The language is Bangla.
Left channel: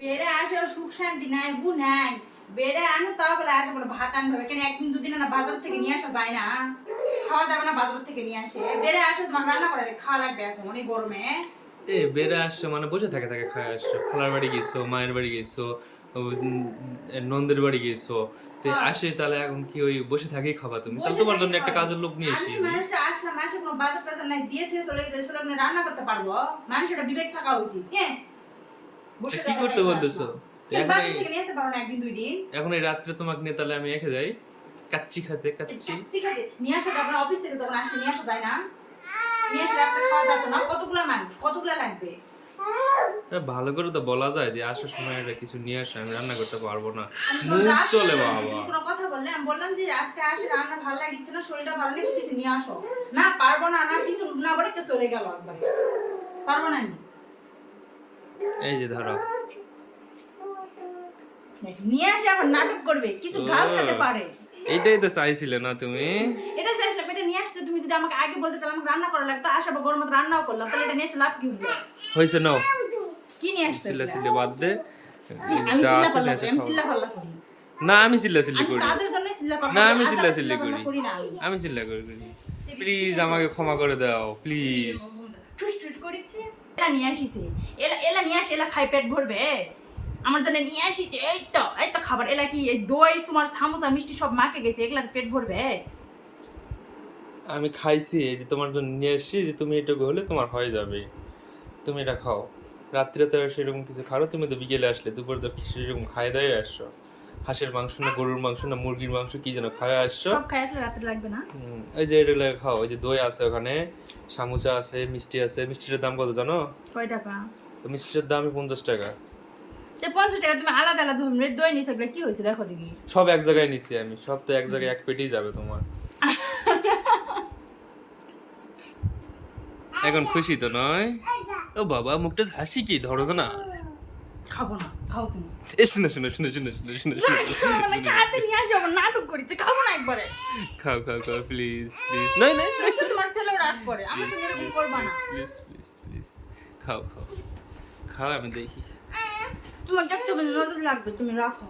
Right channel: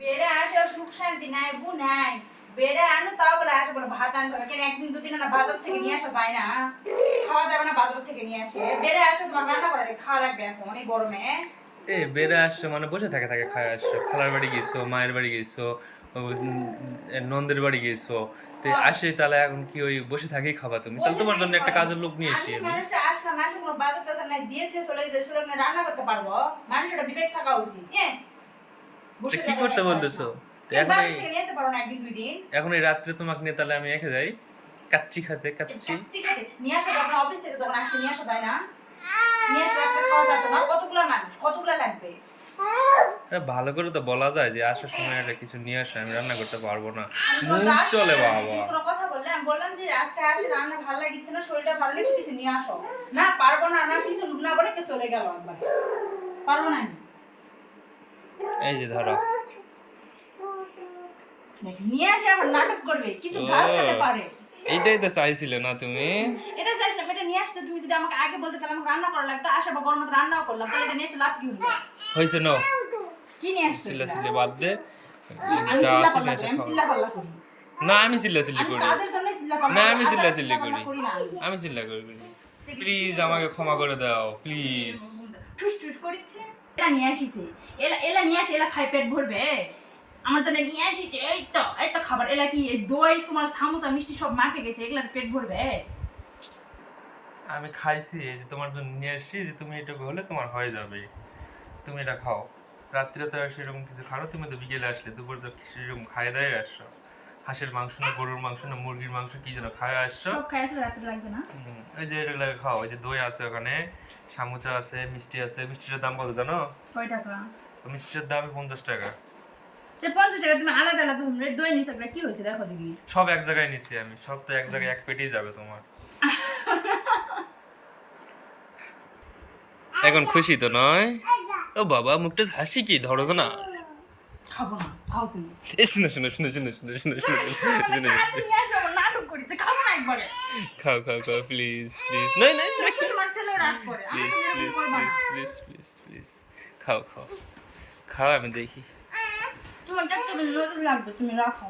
বেড়ে আসে সুখ শান্তি নাই গু নাই। বেড়ে আনো বলে আসে বলে ভাত আনতে হবে। কেন একদিন দুদিন না বাজার থেকে নিয়ে আসা যায় না? খাওয়া যাবে না বাজার থেকে নিয়ে আসে। বেড়ে আসে তোমার রান্না করে খাওয়া লাগবে এখন এই গরমে। এ বেড়ে আসছো মানে বসে থাকে থাকে খায় আসছো। খালার বাড়ি গেছো মায়ের বাড়ি গেছো নন্দের বাড়ি গেছো। তো আসে তাহলে এখন কি ওই বসে থাকেই খাবা তুমি? তাহলে তোমার জন্য একটা কাজের লোক নিয়ে এসি মানুষটা আসলাম আসে বাজার টাজার নাই দিয়ে চলে যায় চলে রান্না করতে পারব? মানুষের একটা বিবেক থাকা উচিত হ্যাঁ? কি করতে বলতেছো? এখন এই- এখন এই রাত্রে তোমাকে নিয়ে তাহলে আমি রেখে যাই। কাচ্চি খাতে কাচ্চি। নিয়ে আসা যখন অফিস থেকে যখন আসলে নিয়ে আসা যায় না। নিয়ে আসলে একটা খাওয়া যেত না? কতগুলা মানুষ? কতগুলা লাগবে? ভালো করে তো বলা যায় যে আসার সময় একটা কিছু নিয়ে আসে আমি রান্না করতে পারব না। মুখ চলে বাবা। কথা বললে? আমি বললাম যে আজকে আসে রান্না ভালো লাগছে না শরীরটা ভালো নেই কিছু নিয়ে আসো। না পারব না না কিছু না বলে চলে গেল একবারে। পারব না এই যে ধরো। নিয়ে আসে আবার নাটক করবে কিছু ঘাল খেতে পারে। এইটাই তো চাইছিলে না তুমি? এটা চাইছিলাম এটা নিয়ে আসতে তুমি যদি আমাকে আগে বলতে তাহলে আমাকে রান্না করা লাগতো আসা বা গরমে রান্নাও করলাম তাহলে এটা নিয়ে এসে লাভ কি হলো? হয়েছে নাও। কি নিয়ে আসতে চিল্লা চিল্লি বাদ দে। আমি পাল্লা করি এসে আমি খাও। পাল্লা করি। না আমি চিল্লা চিল্লি করি। না আমি চিল্লা চিল্লি করি। আমি। আমি চিল্লা করি প্লিজ আমাকে ক্ষমা করে দাও প্লিজ করিচ্ছে এলা নিয়ে আসিছে। এলা এলা নিয়ে আসি এলা খাই পেট ভরবে। আমার জন্য নিয়ে আসিছে এই তো এই তো খাবার। এলা কি এই দই তোমার সামোসা মিষ্টি সব মাকে গেছে এগুলা পেট ভরবে? আমি খাইছি এই যে তোমার জন্য নিয়ে এসেছি যে তুমি এটুকু হলে তোমার হয়ে যাবে। তুমি এটা খাও। রাত্রে তো সেরকম কিছু খাও তুমি তো বিকেলে আসলে দুপুরে তো সেরকম খাই দাওয়াই আসছো? হাঁসের মাংস না গরুর মাংস না মুরগির মাংস কি যেন খাওয়া আসছো? সব খাই আসলে রাতে লাগবে না। ওই যে এগুলো খাও ওই যে দই আছে ওখানে সামুচা আছে মিষ্টি আছে মিষ্টিটার দাম কত জানো কয় টাকা তো মিষ্টিটার দামই পঞ্চাশ টাকা পঞ্চাশ টাকা তুমি আলাদা আলাদা দই নিছে কি হয়েছে দেখো দেখি সব এক জায়গায় নিছি আমি সব তো এক জায়গায় এক পেটেই যাবে তোমার এখন খুশি তো নয় ও বাবা মুখটা হাসি কি ধরো না খাব না খাও তুমি এ শুনো শুনো শুনো শুনো শুনো শুনো শুনো শুনো হাতে নিয়ে আসো আবার নাটক করেছে খাব না একবারে খাও খাও খাও প্লিজ প্লিজ নয় নয় please please please please please please খাও খাও। খাও আমি দেখি। তোমার দেখতে লাগবে তুমি রাখো।